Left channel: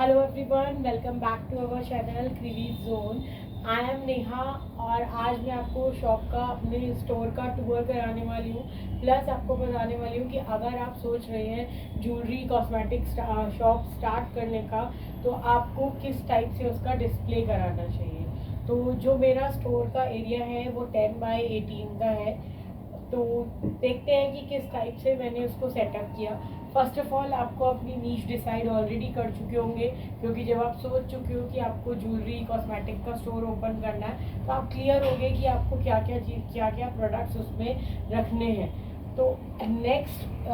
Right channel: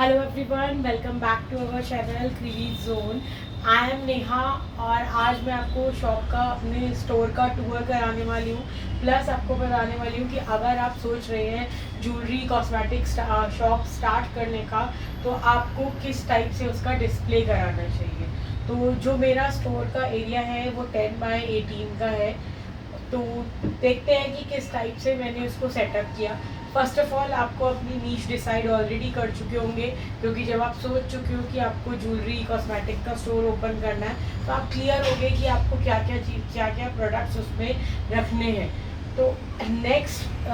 Hello everyone, welcome back to our channel Kriviz zone. I am Neha और आज मैं आपको शॉप का, अपने स्टोर का टूर कराने वाली हूँ। प्लस आपको बताने वाली हूँ कि अगर आप सोच रहे हैं ज्वेलरी कॉस्मेटिक शॉप स्टार्ट करने का, तो आपको किस टाइप से उसका डिस्प्ले कराना चाहिए। तो जो मेरा स्टोर का एरिया है वो 10x18 का है। तो देखते हैं कि किस टाइप से मैंने उसको सेटअप किया। फर्स्ट ऑफ ऑल आपको अपनी नीश डिसाइड ऑलरेडी कर चुके होंगे, क्योंकि जब आप सोच चुके हो कि आपको ज्वेलरी कॉस्मेटिक का स्टोर ओपन करना है तो आप क्लियर हो गए कि आपको क्या क्या चीज़, क्या क्या प्रोडक्ट्स उसमें रखने हैं। तो नेक्स्ट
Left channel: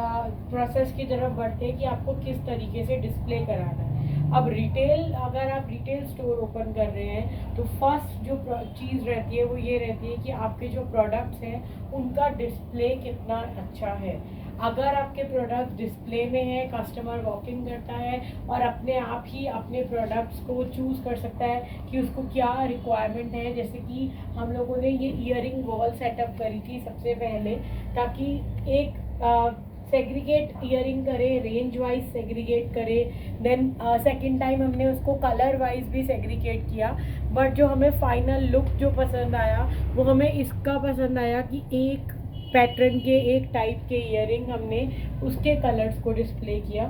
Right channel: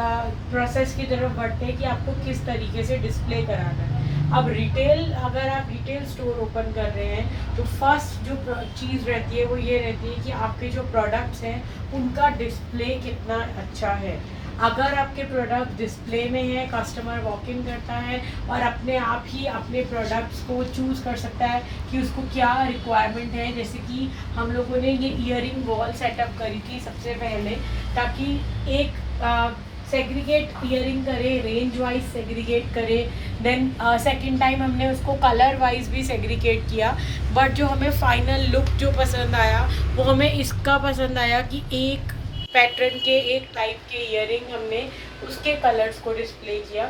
प्रोसेस की तरफ बढ़ते हैं कि आपको किस तरीके से डिस्प्ले कराना है। अब रिटेल, अगर आप रिटेल स्टोर ओपन कर रहे हैं तो फर्स्ट जो चीज़ रहती है वो ये रहती है कि आपके जो प्रोडक्ट्स हैं उनका डिस्प्ले कितना अच्छा है। अगर आपके प्रोडक्ट डिस्प्ले में है, कस्टमर वॉक इन करता है और अपने आप ही अपने प्रोडक्ट्स को चूज़ कर सकता है कि उसको क्या रिक्वायरमेंट है। जैसे कि हम लोगों ने ये ईयरिंग वॉल सेटअप करी थी सबसे पहले, ताकि एक सेग्रीगेट ईयरिंग करे, रेंज वाइज सेग्रीगेट करे। देन सेकंड टाइम हमने उसको कलर वाइज भी सेग्रीगेट किया। बट जो हमें फाइनल लुक जो पसंद आया वो हमें इसका पसंद आया कि एक पैटर्न के, एक टाइप के ईयरिंग हमने उसके कलर्स को डिस्प्ले किया।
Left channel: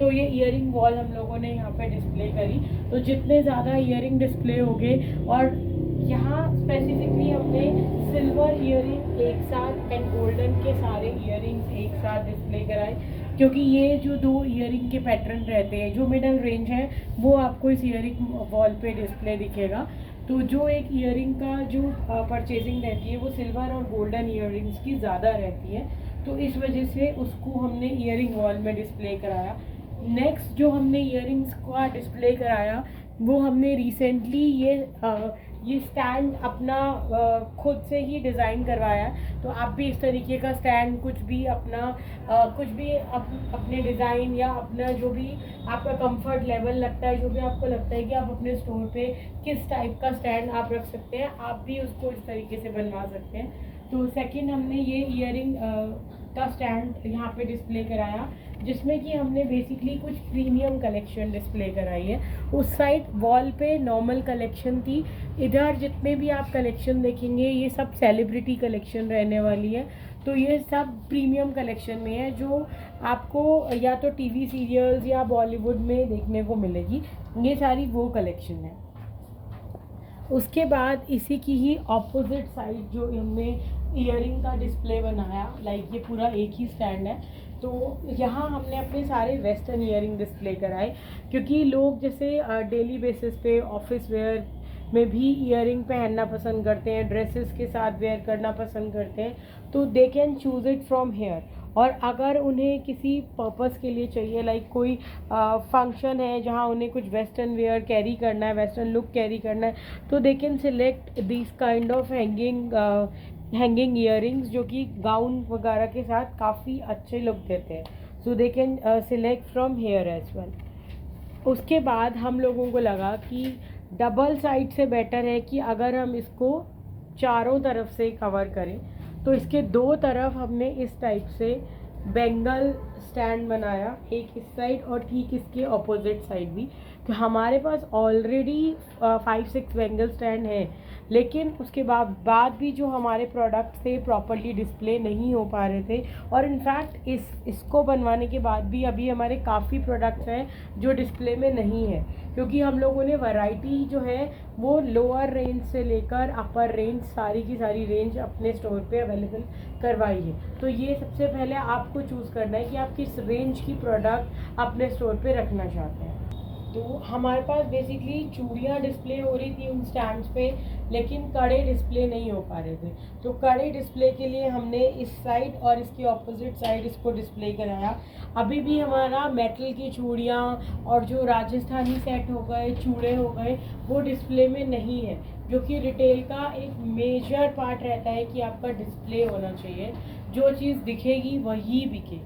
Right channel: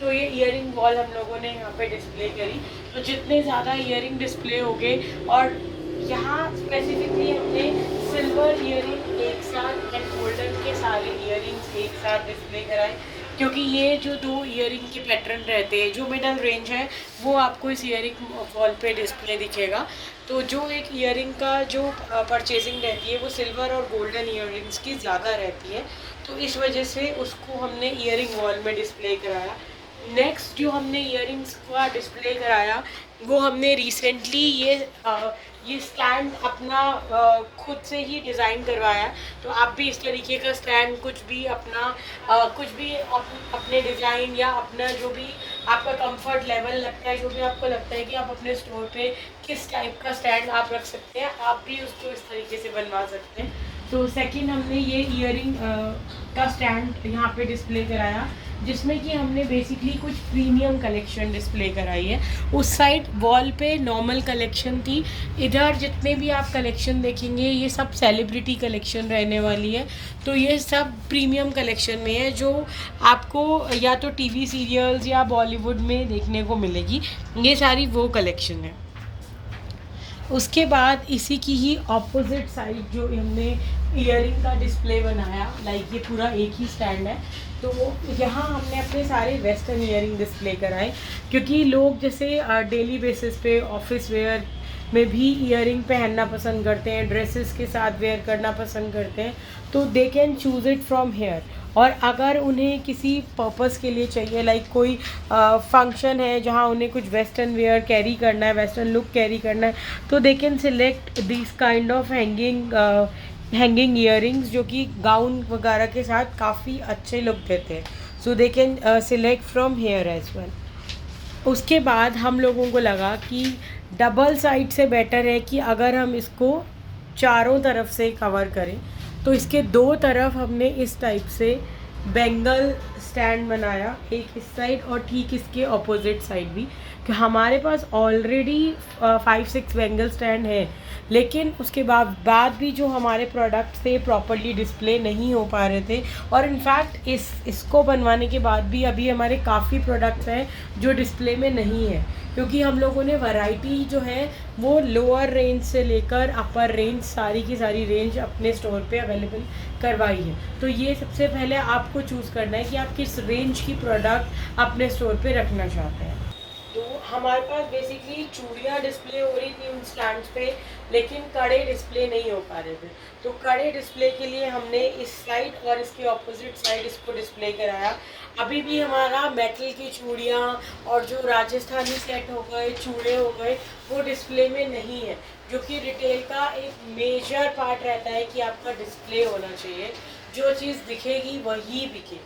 तो ये ईयरिंग वॉल हम लोगों ने यहाँ पे डिस्प्ले करी। तो जितने ज़्यादा ईयरिंग डिस्प्ले हो गए, और यहाँ स्पेसिफिकली हमने सिल्वर ईयरिंग एक साथ एंड गोल्डन के सारे ईयरिंग्स एक साथ डिस्प्ले कराए, क्योंकि ये जो दो ईयरिंग के पैटर्न रहते हैं, जो मिडल रेंज है वो आपको इस ईयरिंग वॉल पे डिस्प्ले दिखेगा। तो जो एक ईयरिंग का जो परचेजिंग रहती है वो सिल्वर और गोल्डन ईयरिंग्स की ज़्यादा रहती है, तो इस वजह से उसको हमने ईयरिंग वॉल में डिस्प्ले कराया। नेक्स्ट जो हमने ईयरिंग्स का डिस्प्ले कराया वो हमने रिसेंटली ये स्टैंड अपना खुद से ही डिज़ाइन करवाया। तो आप भी इस तरीके का स्टैंड कुछ भी अपना कुछ भी अपने डिज़ाइन या अपना जो भी आपका कंफर्ट लेवल लगता है, जो भी आपको लगता है कि आप अपने स्टोर पे किस टाइप का स्टैंड आप रख सकते हैं, आप भी उसको इस तरीके से बनवा सकते हैं। तो सेकंड हमने ये ईयरिंग का स्टैंड यहाँ पे डिस्प्ले कराया, जिसमें कि हमने बेसिकली कुछ प्रीमियम कलेक्शन डिस्प्ले कराई है। उस साइड वॉल पे नॉर्मल कलेक्शन थी, इधर जितने भी आप कलेक्शन देखेंगे ये सब सेलिब्रिटी कलेक्शन रहने वाली है। तो ये सब प्रीमियम कलेक्शन में है, जो आपको या तो टीवी सीरियल्स या बॉलीवुड में देखने को मिलेगी। ये सारी वो कलेक्शन है। उसके बाद इसी की ही ऑपोजिट साइड जो हमने ईयरिंग का डिस्प्ले बनाया, लाइक ये पूरा एक ही स्टैंड है, तो यहाँ हमने अपने सारे वेस्टर्न ईयरिंग डिस्प्ले कराए। क्योंकि लोग जैसे डेली बेसिस पे ऑफिस वेयर में भी ईयरिंग पहनना पसंद करते हैं, ड्रेसेस के साथ वेयर करना पसंद करते हैं, तो they can choose it from here. और अगर उन्हें किसी पर्पस के लिए चाहिए, लाइक कोई फंक्शन है जहाँ उन्हें कुछ वेस्टर्न वेयर कैरी करना है, वेस्टर्न लुक कैरी करना है, तो दे can select this kind of hanging earrings, जो कि गाउन वगैरह के साथ काफ़ी अच्छे लुक देते हैं। So they can select from here as well. उसके बाद हम लोगों को लगा कि डबल साइड से बेटर है कि अगर हम इसको चारों तरफ से कवर करें, तो इसके दो तरफ हमने इस टाइप से बेंगल स्टैंड बनाया, एक इस साइड और ठीक इसके ऑपोजिट साइड भी। कि हमारे पास ऑलरेडी 5-6 बेंगल स्टैंड है, लेकिन उसके बाद भी जो हमारे प्रोडक्ट्स थे प्रॉपरली डिस्प्ले नहीं हो पा रहे थे। और इनफैक्ट इसको बनवाने के बाद भी अभी हमारे काफ़ी प्रोडक्ट्स हैं जो डिस्प्ले में नहीं है, क्योंकि हम लोगों ने वैरायटी जो है वो लोअर रेंज से लेकर अपर रेंज, सारी की सारी रेंज अपने स्टोर पे अवेलेबल करवाई है। तो ये सबसे पहले आपको चूज़ करना है कि आप किस रेंज की प्रोडक्ट अपने स्टोर पे रखना चाहते हैं। तो हमारे पास बेसिकली चूड़ियाँ डिस्प्ले हो रही थी उन स्टैंड्स पे, लेकिन कड़े डिस्प्ले नहीं हो पा रहे थे। तो कड़े डिस्प्ले के लिए हमने इस साइड और इसके ऑपोजिट साइड इसको डिस्प्ले कराया। अभी भी हमारा मेटल की चूड़ियाँ और जो राजस्थानी सेट हो गए, चूड़े हो गए, वो डिस्प्ले में नहीं है, जो कि रिटेल का एक मेजर पार्ट रहता है कि आपका डिस्प्ले होना चाहिए, जो चीज़ दिखेगी वही बिके।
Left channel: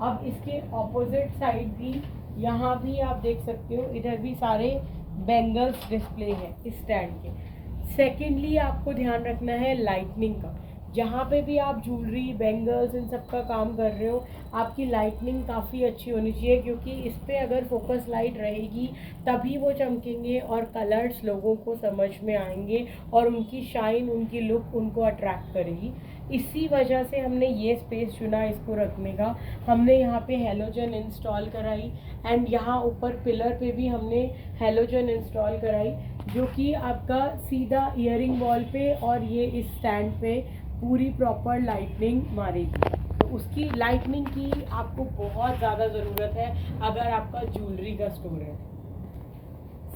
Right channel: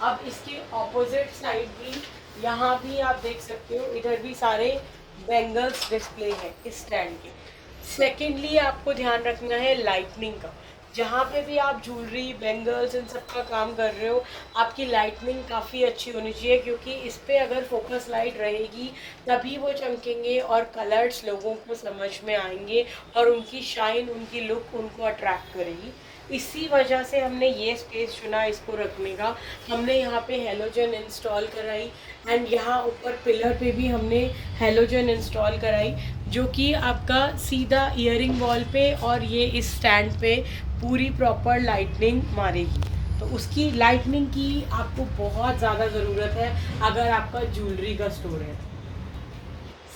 अब इसके ऑपोजिट साइड भी, यहाँ भी आप देख सकते हो, इधर भी सारे बेंगल्स डिस्प्ले है इस स्टैंड के। सेकेंडली आपको ध्यान रखना है लाइटनिंग का, जहाँ पे भी आप ज्वेलरी, बैंगल्स इन सब का काम कर रहे हो, आपकी लाइटनिंग काफ़ी अच्छी होनी चाहिए, क्योंकि इस पे अगर फोकस लाइट रहेगी तभी वो चमकेंगे और कलर्स लोगों को समझ में आएंगे और उनकी शाइन, उनकी लुक उनको अट्रैक्ट करेगी। इसी वजह से हमने ये स्पेस चुना इसको रखने का। हमने यहाँ पे हेलोजन इंस्टॉल कराई एंड यहाँ ऊपर पिलर पे भी हमने हेलोजन इंस्टॉल कराई, जो कि आपका सीधा इयरिंग वॉल पे और ये इस स्टैंड पे पूरी प्रॉपर लाइटनिंग मारेगी। तो उसकी लाइटनिंग की आपको बहुत ज़्यादा ज़रूरत है अगर आपका ज्वेलरी का स्टोर है।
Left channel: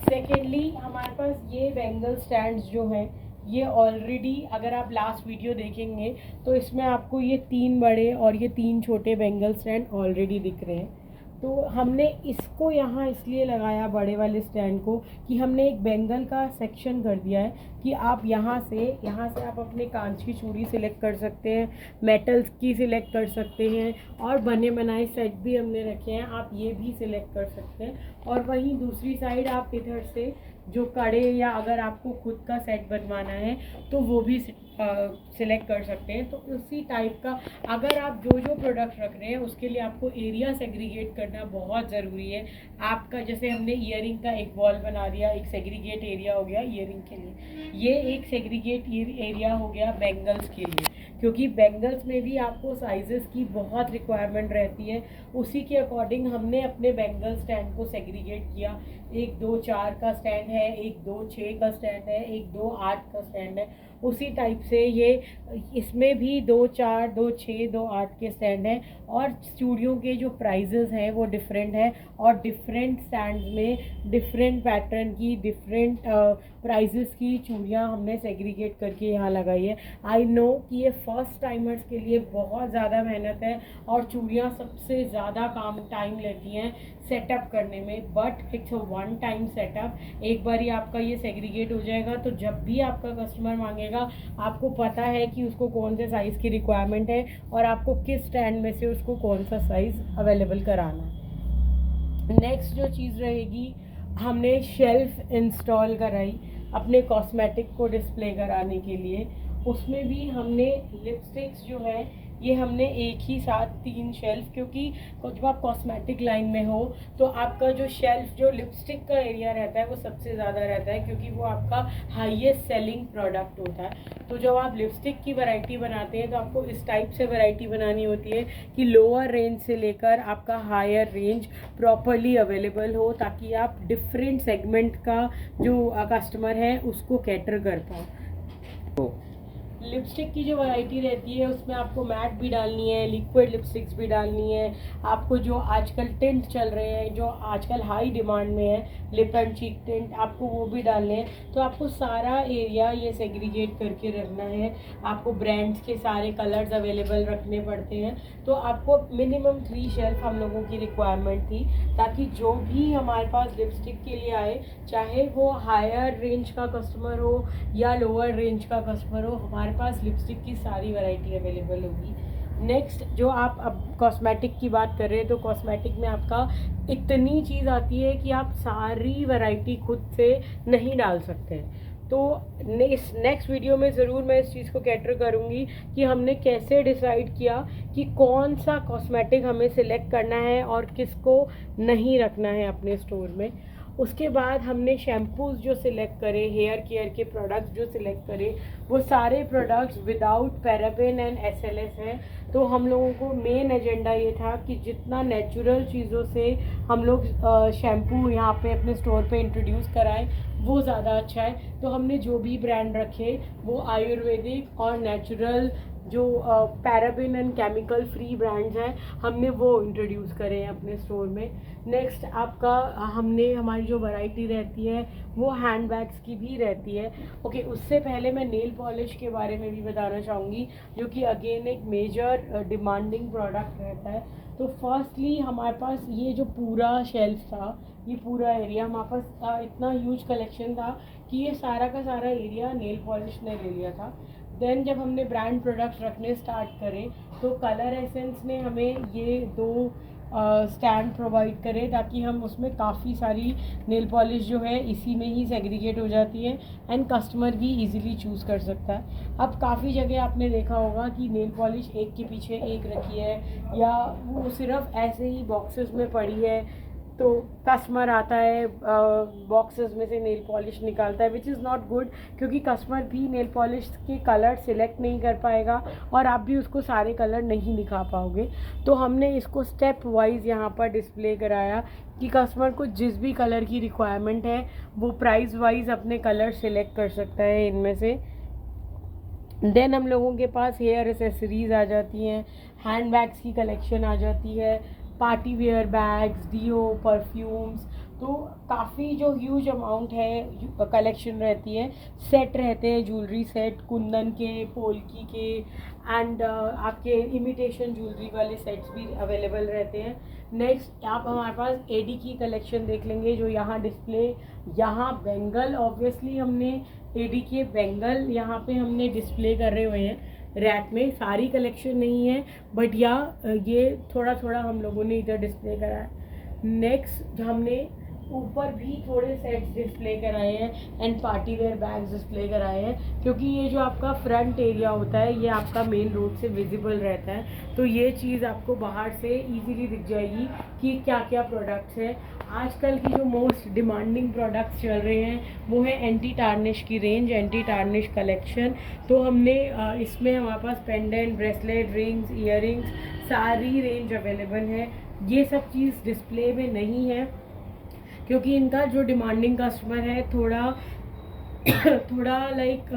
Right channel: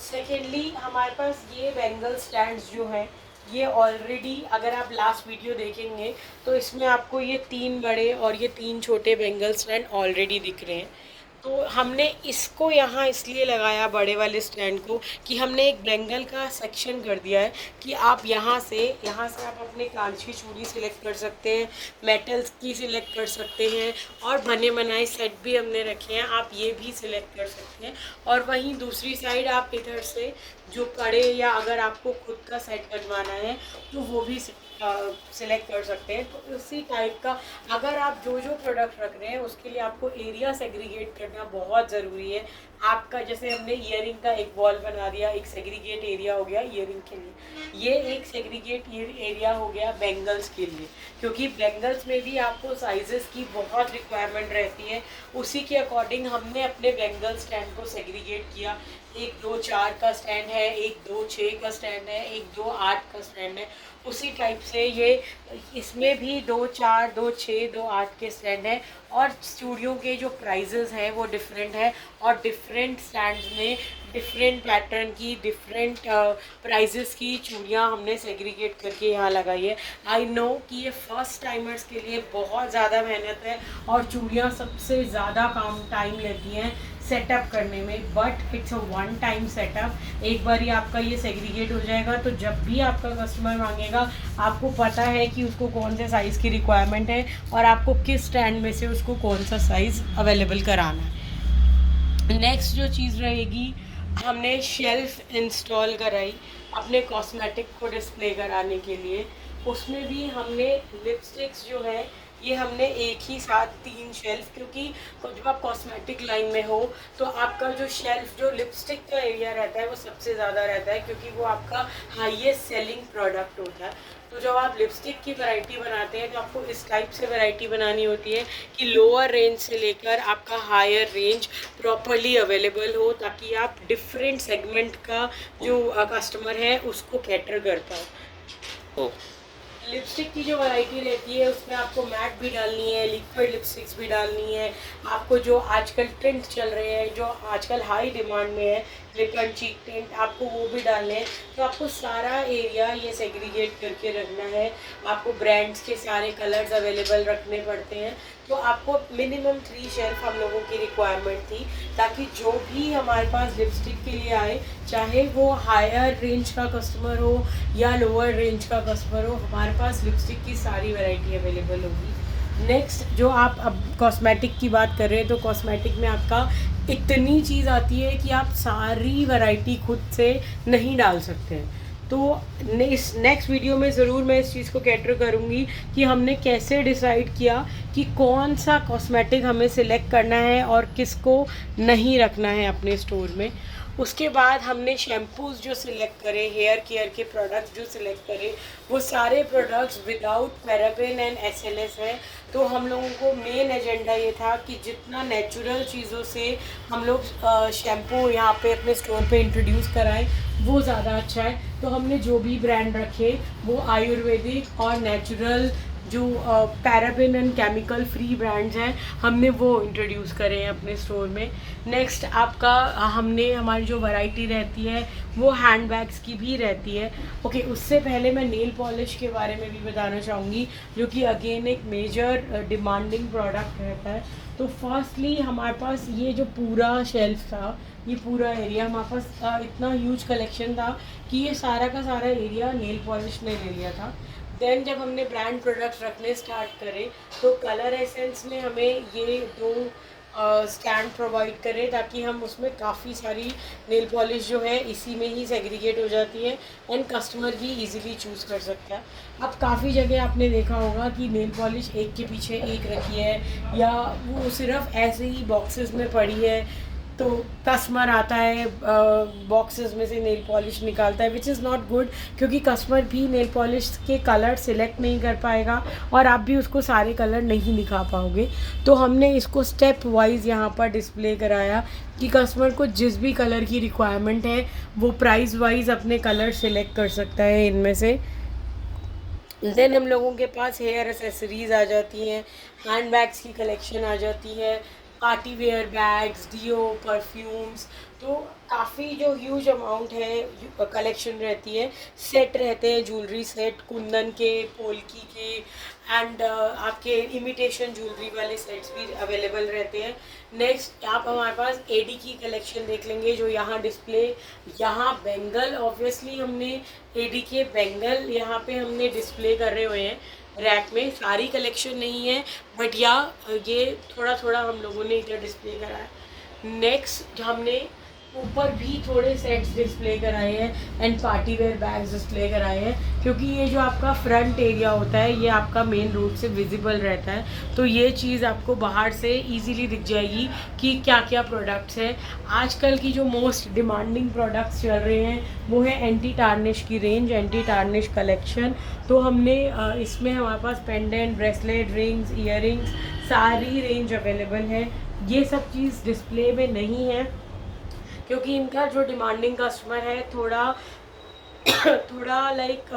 सेकेंडली हमारे पास ये बैंगल स्टैंड्स जो हैं, ये ऑलरेडी अगर आप लास्ट वीडियो देखेंगे तो इसमें आपको ये 3 बड़े और ये 3 छोटे बैंगल स्टैंड ऑलरेडी दिख रहे हैं। तो हमने इसको यहाँ इसलिए लगाया बड़े वाले स्टैंड को कि हमने एक बैंगल का सेक्शन कर दिया है कि आप यहाँ से आप अपने कांच की चूड़ी सिलेक्ट कर सकते हैं, मेटल्स की सिलेक्ट कर सकते हैं, और बने बनाए सेट भी हमने रखे हैं, आप ये भी सिलेक्ट कर सकते हैं। और वहीं दूसरी साइड आप इधर से जो पड़े या अगर आपको खुद का सेट बनवाना है तो वो भी सिलेक्ट कर सकते हैं। तो उसी टाइप का अगर आप जो जो प्रोडक्ट रख रहे हैं उसके लिए आपको एरिया सेग्रीगेट करना बहुत ज़रूरी है। आपका जैसे हमने ईयरिंग का एक वॉल बना दिया, एक सेग्रीगेट एरिया हो गया ईयरिंग के लिए, ये एक सेग्रीगेट एरिया हो गया बैंगल्स के लिए, क्योंकि बैंगल्स में भी आपको साइजेस की बहुत रिक्वायरमेंट रहती है। उसी के अकॉर्डिंग हमने अपने बैंगल स्टैंड को सेग्रीगेट किया। 1 2 4 का स्टैंड है, 1 2 6 का स्टैंड है, 1 2 8 का स्टैंड है। उसी टाइप से ये इसमें भी 2 4 2 6 2 8 के स्टैंड हैं। और चूड़ियों के जो प्राइजेस हैं वो डिफरेंट है, और डिफरेंट स्टैंड्स में डिफरेंट पैटर्न की डिफरेंट प्राइजेस की चूड़ियाँ हमने सेग्रीगेट करके यहाँ लगाई है। आई नो कि ये फर्स्ट टाइमर्स के लिए बहुत ज़्यादा मेहनत है और चूड़ियाँ सबसे ज़्यादा टाइम लेती हैं सेटअप करने में, but it's a one time setup. एक बार ही आपका ये सेग्रीगेट हो जाएगा तो जब भी आपका कस्टमर मांगेगा आपको पता है कि उसको कौन से साइज़ की रिक्वायरमेंट है और आपको किस स्टैंड में से उसको कौन सा साइज़ अवेलेबल कराना है। नेक्स्ट जो चीज़ रहेगी, हमने शेल्फ इंस्टॉल कराई अपने कॉस्मेटिक को डिस्प्ले कराने के लिए। उसमें भी हमने लिपस्टिक्स जो है ये हमने एक ही साथ 3 शेल्फ, क्योंकि जब आप कॉस्मेटिक लाइन में हो तो आपका जो शेल्फ जो लिपस्टिक का एरिया रहता है वो सबसे ज़्यादा रहता है, क्योंकि वो आपका हाईएस्ट सेलिंग प्रोडक्ट होता है। तो जब आप लिपस्टिक की वैरायटी बनाते हैं तो आपको इस टाइप से वैरायटी बनानी होती है कि लोअर रेंज से लेकर आपका हायर रेंज प्रॉपरली अवेलेबल हो, ताकि आप डिफरेंट सेगमेंट का जो कस्टमर है उसको कैटर कर पाओ। लिपस्टिक की जो वैरायटी रहती है उसमें आपको मैट भी डालनी है, लिक्विड लिपस्टिक्स भी डालनी है, आपको जो आजकल टिंट चल रहे हैं जो आजकल हाई डिमांड में है, लिप एंड चीक टिंट, आपको वो भी डालने हैं। तो आपको सारा एरिया ये सेग्रीगेट करके रखना है। आपको ब्रांड्स के सारे कलर्स अवेलेबल रखने पड़ते हैं। तो आपको मिनिमम 3 शेल्फ हम लोगों की रिक्वायरमेंट थी, ताकि जो भी हमारे पास लिपस्टिक के लिए आए, चाहे वो हायर रेंज का कस्टमर हो या लोअर रेंज का कस्टमर हो, हमारे पास लिपस्टिक की सारी वैरायटी अवेलेबल होगी। नेक्स्ट जो आप अब कॉस्मेटिक की बात कर रहे हैं, तो कॉस्मेटिक में आपका इतनी चीज़ आती है कि आप सारी वैरायटी खुद से नहीं डाल सकते हैं। तो इस नेक्स्ट वीडियो में ज़रूर मैं इस चीज़ को कैटर करूँगी कि हमने कैसे डिसाइड किया कि कौन सा कॉस्मेटिक हमें सिलेक्ट करना है और किसको नहीं रखना है अपने स्टोर में। उसके बाद हमने शैम्पूज़ जो सिलेक्ट करे, हेयर केयर के प्रोडक्ट्स जो सिलेक्ट करे, वो सारे products without paraben and SLS है। तो हम लोगों को मेन एजेंडा ये था कि जितना नेचुरल चीज़ों से हम लोग शैम्पू यहाँ पे अपने स्टोर पे इंट्रोड्यूस कराएं वो ज़्यादा अच्छा है। तो हमने जो भी ब्रांड रखे वो आयुर्वेदिक और नेचुरल जो paraben and chemical free brands हैं हमने वो इंट्रोड्यूस करे हैं अपने स्टोर में। नेक्स्ट आपका हमने हमारी जो वैरायटी रहती है वो हैंड बैग्स की भी रहती है। ओके, उससे पहले मैं नेल पॉलिश के बारे में भी बताना चाहूँगी, जो कि अगेन एक मेजर डिमांडिंग प्रोडक्ट रहता है। तो फर्स्टली हमारे पास ये जो पूरा शेल्फ था, ये पूरा एरिया हमारे पास इतना ह्यूज कलेक्शन था कि ये सारा का सारा एरिया नेल पॉलिश ने ले लिया था। देन जब हमने ब्रांड प्रोडक्ट्स रखने स्टार्ट करे तो कलर एसेंस ने हमें ये 2 स्टैंड प्रोवाइड करें ताकि हम उसमें काफ़ी सारी नेल पॉलिश जो है इसी में ही सेग्रीगेट हो जाती है एंड कस्टमर भी इजीली चूज़ कर सकता है। अब काफ़ी जगह आपने देखा होगा कि नेल पॉलिश एक के पीछे एक रखी है या वो सिर्फ ऐसे ही बॉक्सेस में पड़ी है, तो कस्टमर आता है बॉक्सेस में से नेल पॉलिश निकालता है, विच इज़ नॉट गुड, क्योंकि कस्टमर भी नेल पॉलिश के कलर सिलेक्ट नहीं कर पाएगा और आप भी उसको सारे कलर नहीं दिखा पाओगे। तो हमने इसको स्टेप वाइज यहाँ पर डिस्प्ले कराया कि कस्टमर को जिस भी कलर की रिक्वायरमेंट है वो प्राइस वाइज अपने कलर सिलेक्ट कर सकता है इनमें से। देन हम लोगों के पास हेयर एसेसरीज आ जाती हैं, हैंड बैग्स की कलेक्शन आ जाती है, party wear bags, deo, perfumes, तो काफ़ी जो ह्यूज अमाउंट है कलेक्शन रहती है। सेट रहते हैं, ज्वेलरी सेट, कुंदन के, पोल्की के एंड आपके इमिटेशन ज्वेलरी वाले सेट्स भी अवेलेबल रहते हैं। नेक्स्ट आप हमारे पास एडी की कलेक्शन देख लेंगे जो यहाँ डिस्प्ले, यहाँ बेंगल, ऑब्वियसली हमने एडी के बेंगल यहाँ पे हमने डिस्प्ले कर रहे हुए हैं रैक में। सारी कलेक्शन नहीं है बट ये थोड़ा थोड़ा हम लोगों ने इधर डिस्प्ले करा है। नेक्स्ट हमने ऊपर भी थोड़े सेट्स डिस्प्ले कराए हैं and party wear bags display कराए हैं, क्योंकि ये जो आपका फ्रंट एरिया होता है ये आपका मेन रोड से विजिबल रहता है, तो ये चीज़ आपको बाहर से इजीली दिख जाएगी कि क्या क्या प्रोडक्ट्स हैं। आजकल की जो मोस्ट डिमांडिंग प्रोडक्ट्स चल रहे हैं वो है एंटी टार्निश की रेंज, एंटी टार्निश कलेक्शन। तो हमने इसमें हमारे पास पेंडेंट, ब्रेसलेट, रिंग्स, ईयरिंग्स, सारी रेंज अवेलेबल है। ये सब चीज़ डिस्प्ले में नहीं है क्योंकि इनका जो डिमांडिंग कस्टमर है थोड़ा लाइक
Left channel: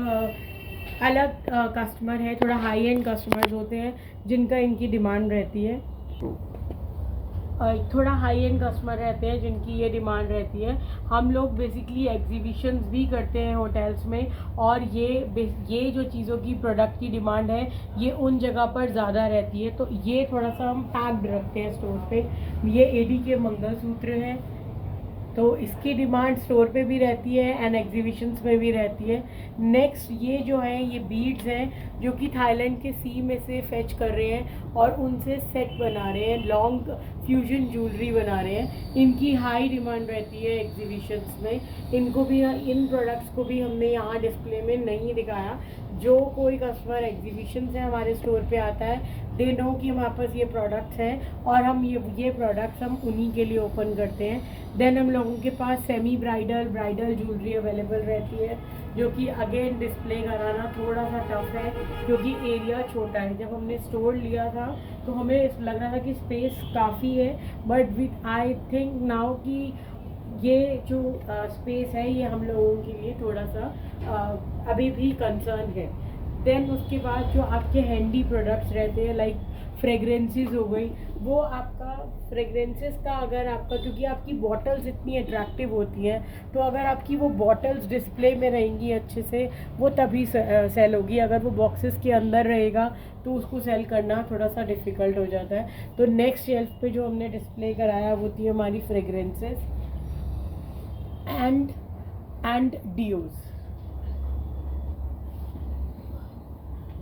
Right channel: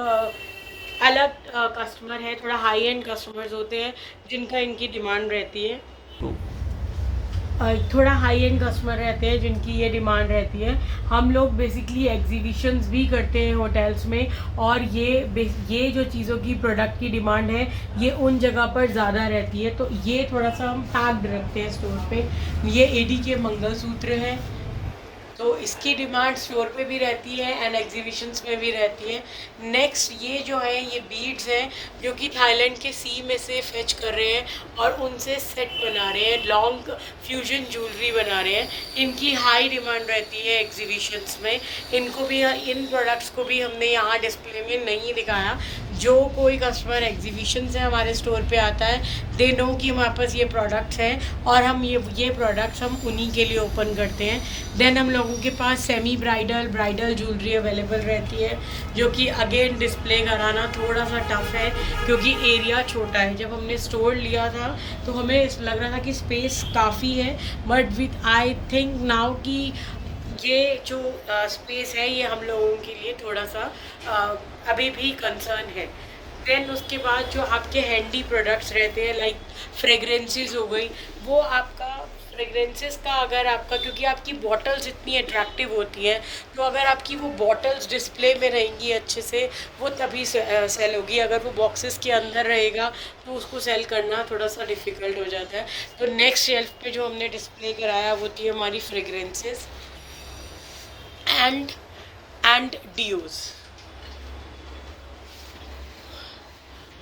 अलग कस्टमर है, थोड़ा हाई एंड कस्टमर्स होते हैं जिनका इनकी डिमांड रहती है, थोड़ा हाई एंड कस्टमर रहते हैं जिनकी ये डिमांड रहती है। हम लोग बेसिकली एग्जीबिशंस भी करते हैं होटल्स में, और ये जो चीज़ों की प्रोडक्ट की डिमांड है ये उन जगह पर ज़्यादा रहती है, तो ये थोड़ा सा हम पैक्ड रखते हैं स्टोर पे। ये एडी के मंगलसूत्र हैं, तो इसकी डिमांड स्टोर पे भी रहती है एंड एग्जीबिशंस में भी रहती है। नेक्स्ट ये जो है ये बीड्स हैं जो कि थाईलैंड के सी में से फेच कर रहे हैं और उनसे सेट बना रहे हैं, लॉन्ग फ्यूजन ज्वेलरी बना रहे हैं। इनकी हाई डिमांड रहती है एग्जीबिशंस में। इनको भी, इन प्रोडक्ट्स को भी हमने यहाँ डिस्प्ले में नहीं दिखाया। जो कोई कस्टमर एग्जीबिशन से हमारे स्टोर पे आता है दे नो कि हमारे पास ये प्रोडक्ट्स हैं और हम ये प्रोडक्ट्स हम उन्हीं के लिए ओपन करते हैं। देन हम लोगों के पास सेमी ब्राइडल ज्वेलरी अवेलेबल रहती है जो कि अगेन डिस्प्ले कराना थोड़ा सा टफ है क्योंकि एरिया छोटा है। जब हमने स्टोर लिया था तो हमें लग रहा था कि स्पेस काफ़ी है, but with I think now कि ये जो स्पेस है ये हम लोगों के लिए थोड़ा सा अभी भी कंसर्न है। देन उसके बाद जो आपके हैंडी प्रोडक्ट्स रहते हैं लाइक फ्रेगरेंसेस हो गई, वो आपका फ्रेगरेंसेस का अगर आपका, क्योंकि आपकी बॉटल्स इतनी अट्रैक्टिव होती हैं तो अगर आपकी वो बॉटल्स डिस्प्ले में रहेंगी अच्छे से वो तभी सेल होगी। अगर वो बॉक्सेस के अंदर रहेगा तो उसको सेल करना थोड़ा सा डिफ़िकल्ट हो जाता है। तो नेक्स्ट शेल्फ पे जो हमने डिस्प्ले कराया वो थी हमारी फ्रेगरेंसेस एंड डियोज,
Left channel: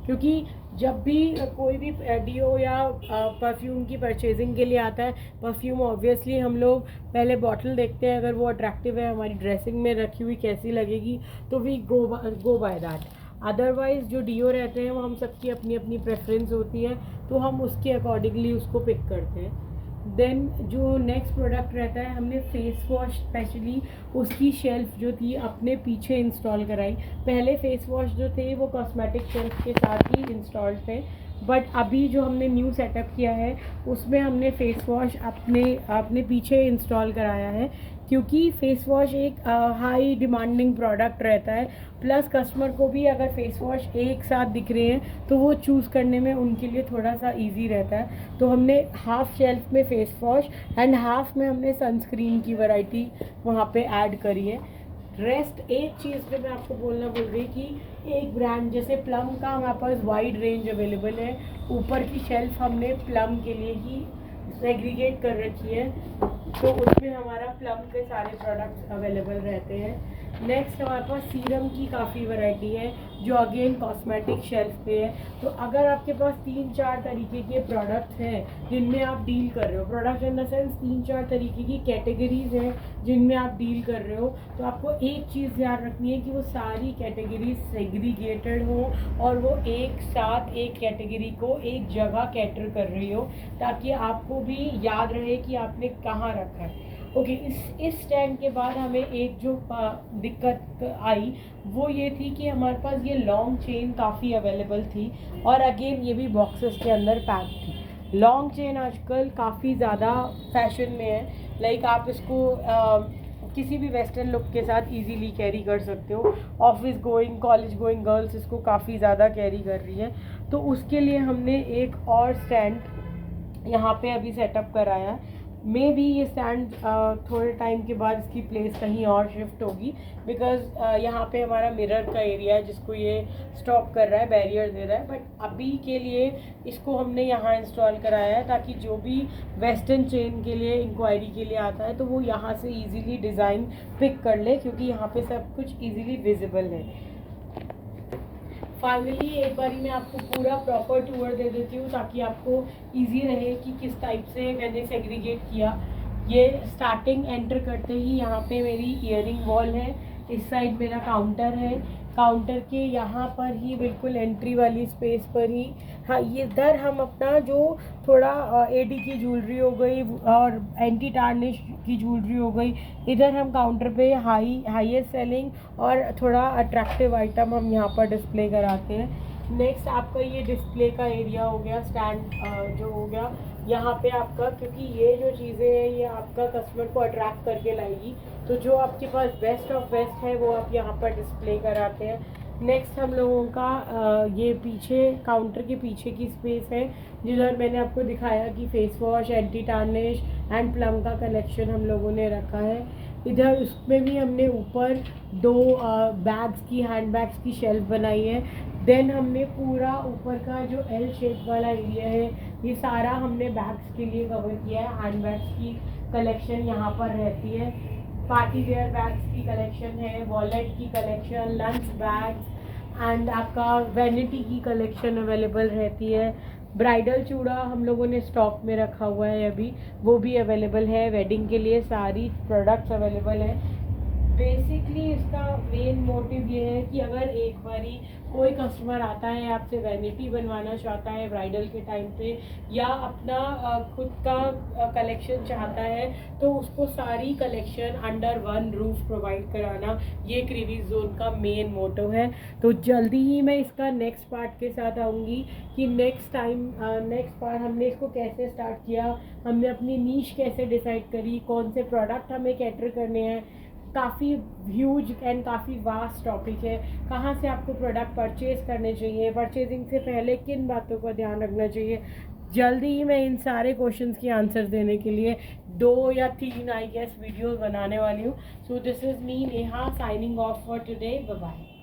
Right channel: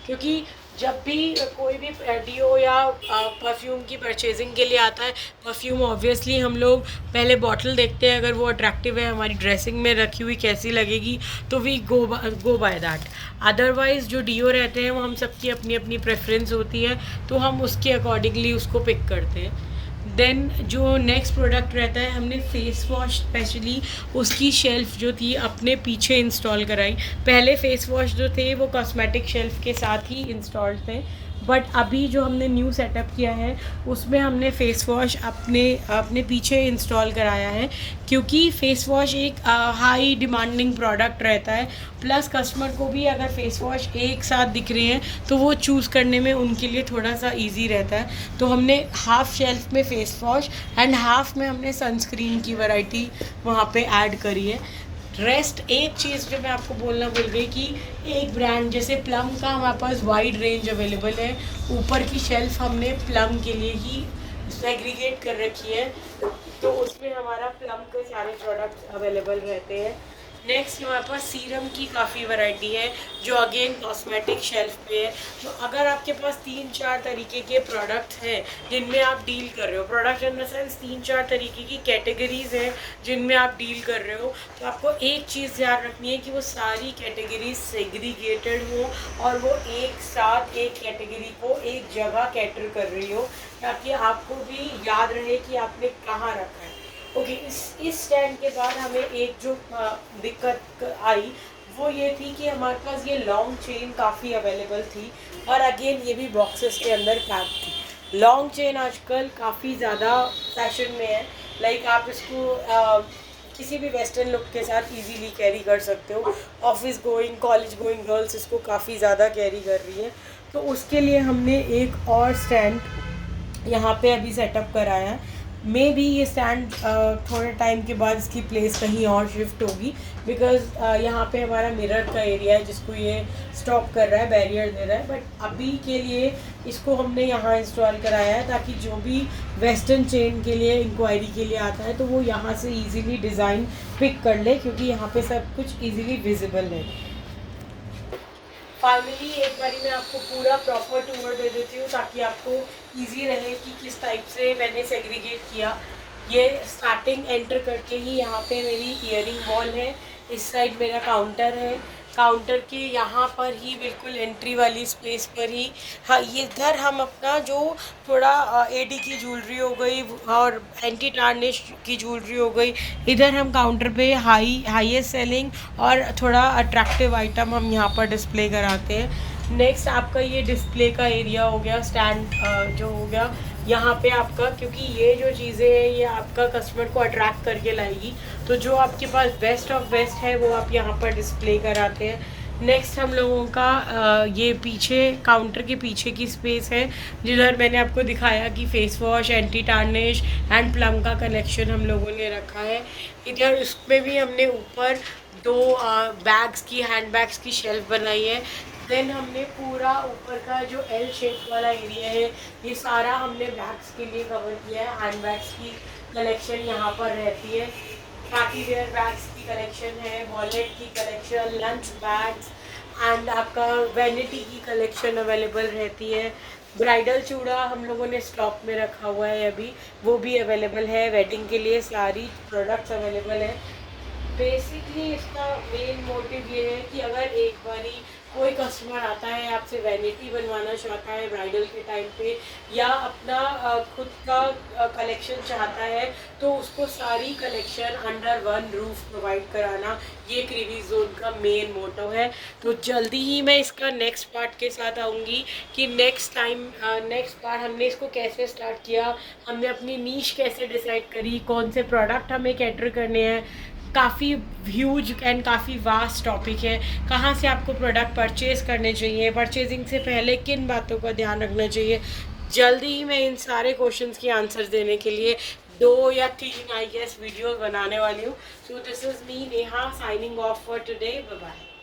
क्योंकि जब भी कोई भी डियो या परफ्यूम की परचेजिंग के लिए आता है, परफ्यूम ऑब्वियसली हम लोग पहले बॉटल देखते हैं, अगर वो अट्रैक्टिव है, हमारी ड्रेसिंग में रखी हुई कैसी लगेगी, तो we go by that. Otherwise जो डियो रहते हैं वो हम सबकी अपनी अपनी प्रेफरेंस होती है, तो हम उसके अकॉर्डिंगली उसको पिक करते हैं। देन जो नेक्स्ट प्रोडक्ट रहता है, हमने फेस वॉश स्पेशली उसकी शेल्फ़ जो थी अपने पीछे इंस्टॉल कराई। पहले फेस वॉश जो थे वो कॉस्मेटिक शेल्फ़ के साथ ही इंस्टॉल्ड थे, बट अभी जो हमने न्यू सेटअप किया है उसमें हमने फ़ेस वॉश अपने पीछे इंस्टॉल कराया है, क्योंकि फ़ेस वॉश एक हाई डिमांडिंग प्रोडक्ट रहता है। प्लस कस्टमर को भी अगर फ़ेस वॉश एक साथ दिख रहे हैं तो वो चूज़ करने में उनके लिए थोड़ा सा इजी रहता है। तो हमने हाफ़ शेल्फ में फ़ेस वॉश एंड हाफ़ में हमने सनस्क्रीन की वैरायटी वहाँ पे ऐड करी है। रेस्ट एक चीज़ जो मैं आपको बोलना भूल गई कि एक ब्रांड जैसे प्लम का हमारे पास वाइड रेंज अवेलेबल है, ऊपर की शेल्फ हमने प्लम के लिए ही सेग्रीगेट कर रखी है, तो उसमें हमारा प्लम के सारे प्रोडक्ट्स अवेलेबल रहते हैं। नेक्स्ट हमारे पास सीरम की काफ़ी वैरायटी है जो अगेन कॉस्मेटिक शेल्फ पे है। तो अगर आपके पास 3-4 तरीके के प्रोडक्ट्स हैं जिनमें आप डील कर रहे हो, प्रोडक्ट इन द सेंस 3-4 तरीके की कैटेगरीज हैं जिनमें आप डील कर रहे हो, तो आपको एक चीज़ ध्यान रखनी है कि वो सारी कैटेगरीज सेग्रीगेटेड हो और वो एक साथ एक कैटेगरी को एक जगह कैटर कर रही हो, ताकि आपको भी याद रहे कि आपने कहाँ रखा है। ओके, इस स्टैंड के बाद हमें एक जो दिक्कत आई वो ये थी कि हमारे पास ये लॉन्ग चेन काफ़ी अवेलेबल थी और अगेन ये भी बॉक्सेस के अंदर पैक थी। लॉन्ग चेन आजकल काफ़ी ज़्यादा फैशन में है, लाइक आप इसको किसी भी वेस्टर्न लुक के साथ इजीली कैरी कर सकते हो। Office going, college going girls इसको काफ़ी ज़्यादा कैरी कर रही है, तो उसके लिए हमने एक और स्टैंड यहाँ पे अभी सेटअप कराया है। मे भी ये स्टैंड थोड़े टाइम के बाद इसकी प्लेस कहीं और शिफ्ट होगी, बिकॉज यहाँ पे हमारा मिरर का एरिया है जिसको ये स्टॉप कर रहा है, बैरियर दे रहा है। बट अभी के लिए इसको हमने यहाँ इंस्टॉल कराया है ताकि जो भी वेस्टर्न चेन के लिए इंक्वायरी के लिए आता है तो वो यहाँ से इजीली डिज़ाइन पिक कर ले, क्योंकि यहाँ पे सब कुछ इजीली विजिबल है। फाइनली एक बारी मैं आपको पूरा प्रॉपर टूर दे देती हूँ ताकि आपको इजी रहे कि किस टाइप से मैंने सेग्रीगेट किया। ये स्टार्टिंग एंटर करके ही यहाँ पे मेरी इयरिंग वॉल है, इस साइड मेरा काउंटर है, काउंटर के यहाँ पर ही बिल्कुल एंट्री वाली स्पेस पर ही, हाँ, ये इधर हम अपना जो थोड़ा एडी की ज्वेलरी हो गई और एंटी टार्निश की ज्वेलरी हो गई, इधर हम काउंटर पे हाईएस्ट सेलिंग और थोड़ा अट्रैक्टिव आइटम हम यहाँ पर डिस्प्ले कराते हैं। नेक्स्ट आपका ये डिस्प्ले का एरिया हो गया, स्टैंड जो हो गया यहाँ पे आपका, क्योंकि ये जो चीज़ें हैं ये आपका कस्टमर को अट्रैक्ट करके लाएगी, तो जो आपके पास बेस्ट ऑफ बेस्ट है वो आप यहाँ पर डिस्प्ले कराते हैं। नेक्स्ट हम लोगों का ये पीछे काउंटर के पीछे की स्पेस है जिधर मैंने आपको दिखाया कि face wash, anti tarnish and plum का कलेक्शन हम लोगों ने रखा है। इधर उसमें भी हमने ऊपर 2 बैग्स की, हैंड बैग्स की शेल्फ बनाई है। देन हमने पूरा ऊपर का जो एल शेप वाला एरिया है ये सारा हमने बैग्स के लिए कवर किया है। हैंड बैग्स की कलेक्शन यहाँ पर रहती है, पार्टी वेयर बैग्स की कलेक्शन है, वॉलेट की कलेक्शन, लंच बैग्स एंड आपका वैनिटी की कलेक्शन अवेलेबल रहती है। ब्राइडल चूड़ा हम लोगों ने स्टॉक में रखा हुआ है अभी, वो भी अवेलेबल है। वेडिंग के लिए सारी प्रोडक्ट्स अवेलेबल है। बेसिकली इसका मेन मोटिव ये है कि अगर एक बारी कोई कस्टमर आता है आपसे वैनिटी बनवाना चाहता है ब्राइडल के टाइम पे, या अपना खुद का कलेक्शन चाहता है, तो उसको सारी collection under one roof provide कराना ये क्रीवी जोन का मेन मोटो है। तो जल्दी ही मैं इसका नेक्स्ट पार्ट के साथ आऊँगी कि नेक्स्ट पार्ट हमने इसको कैसे स्टार्ट किया, हमने अपनी नीश कैसे डिसाइड करी, कौन से प्रोडक्ट हमें कैटर करने हैं। काफ़ी ह्यूज एंड काफ़ी वास्ट टॉपिक है, कहाँ से आपको प्रोडक्ट परचेज़ करने चाहिए, परचेजिंग से पहले किन बातों का ध्यान रखना चाहिए। जल्दी ही मैं इन सारे क्वेश्चंस की आंसर्स देने के लिए 2 या 3 आई गेस वीडियो बनाने वाली हूँ। So this is me Neha signing off for today, bye bye.